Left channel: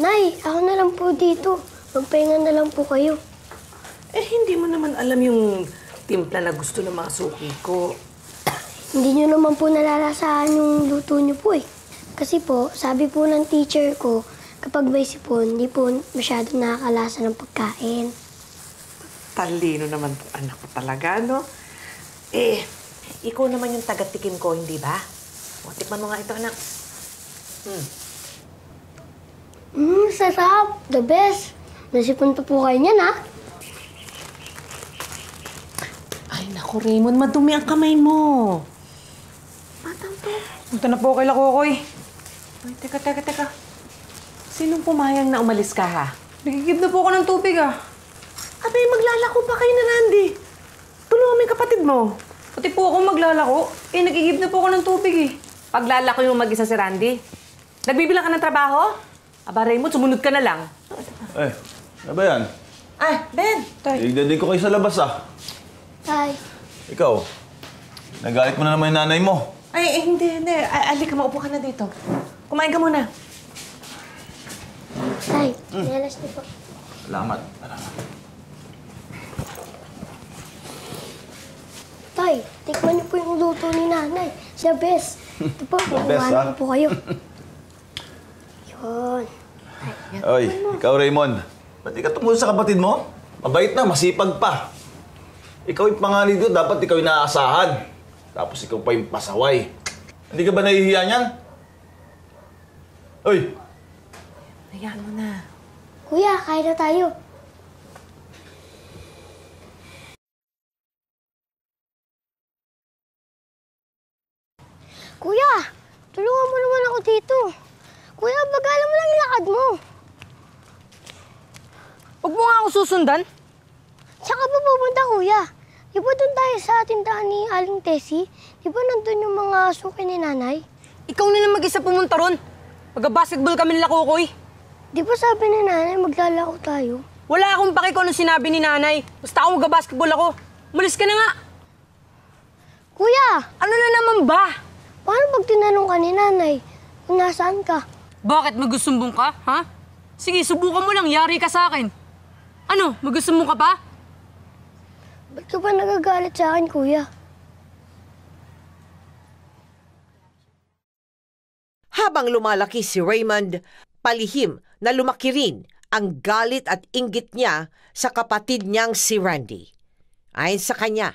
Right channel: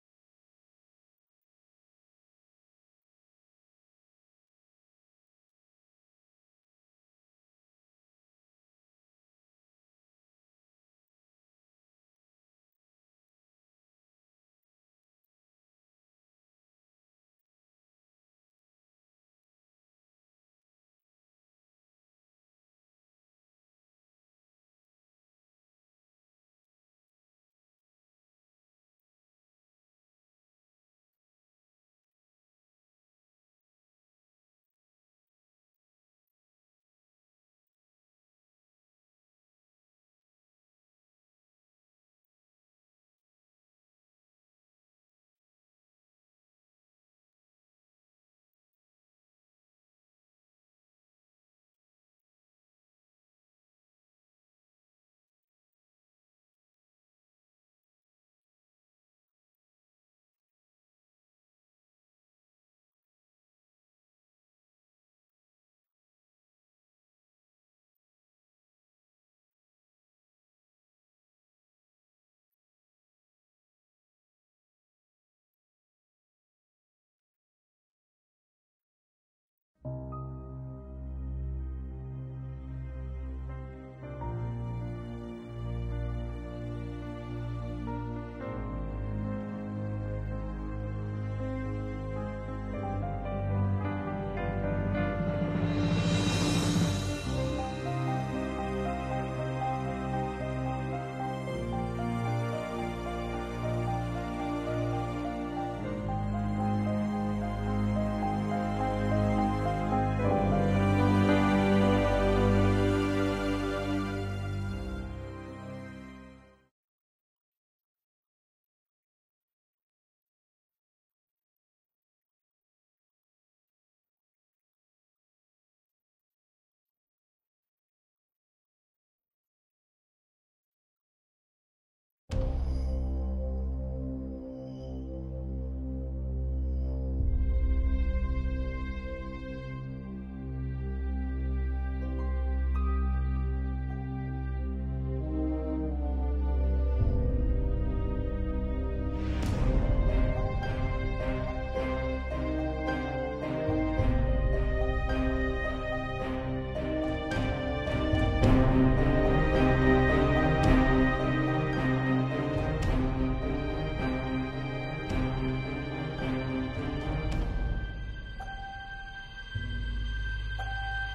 Nay, ako na lang po dito. Magpahinga na lang po kayo. Eh, hindi mo naman alam yung timpla na gusto ng mga suki ko. Hindi nyo naman po nalalasahan yung luto nyo po eh. Kasi po, sabi po ng teacher ko, kapag may sipon, hindi po masyado nakakalasa ng pagkain. Talino naman po anak ko talaga, no? Eh, ikaw naman yung taga-tikim ko, hindi ba? O, tikman mo nga ito, anak. Sarap. The best. Nasipon pa po kayo niyan, ha? Ay, naku, Raymond, madumi ang kamay mo. Batang to. Punta na po kay Lakokoy. Ay, teka. Sinong pumayang na umalis ka, ha? Nagigib na po ako ng tubig, ah. Abay, maglalako pa kayo na Randy. Tulungan mo yung kapatid mo. Pati po ako maglalako. Eh, nagigib na po ako ng tubig, eh. Paglalako yung mag-isa si Randy. Nagbibilang ka ng trabaho? Aba, Raymond, sumunod ka na lang. Eh, ano ba yan? Ay, Ben! Tignan din ko kayo sa labas, ah. Tay. Ikaw, nagalit mo na naman yung nanay mo. Ay, hindi. Alika, maupo ka na dito. Kumain ka muna. Tay, nialas niyo po. Salamat. Tay, tikman niyo po yung luto ni nanay. Siya best. Ito po, best, kukuhanan ah. ko po kayo. Yun. Oy, ikaw Raymond, ba't di ka tumulong sa kapatid mo? Mabait na, masipag pa. Ikaw yung pangali doon, dapat ikaw yung naaasahan. Tapos ikaw pa yung pasaway. Hindi ka ba nahihiya niyan? Oy! Hayaan mo na. Kuya, kain na tayo. Kuya, tulungan mo naman ako dito. Kuya, bagalan mo lang yung lakad mo. Huwag mo nga ako susundan. Saan ka pa pupunta, kuya? Di ba doon tayo sa tindahan ni Aling Tessie? Di ba nandun yung mga suki ni nanay? Ikaw na lang mag-isa pumunta ron. Mag-basketball kami nila Kokoy. Di ba sabi ni nanay maglalako tayo? Wala akong paki kung ano sinabi ni nanay. Basta ako mag-basketball ako. Umalis ka na nga. Kuya, Ano na naman ba? paano pag tinanong ka ni nanay kung nasaan ka? Bakit magusumbong ka, ha? Sige, subukan mo lang. Yari ka sa akin. Ano, magusumbong ka pa? Ba't ka ba nagagalit sa akin, kuya? Habang lumalaki si Raymond, palihim na lumaki rin ang galit at inggit niya sa kapatid niyang si Randy. Ayon sa kanya,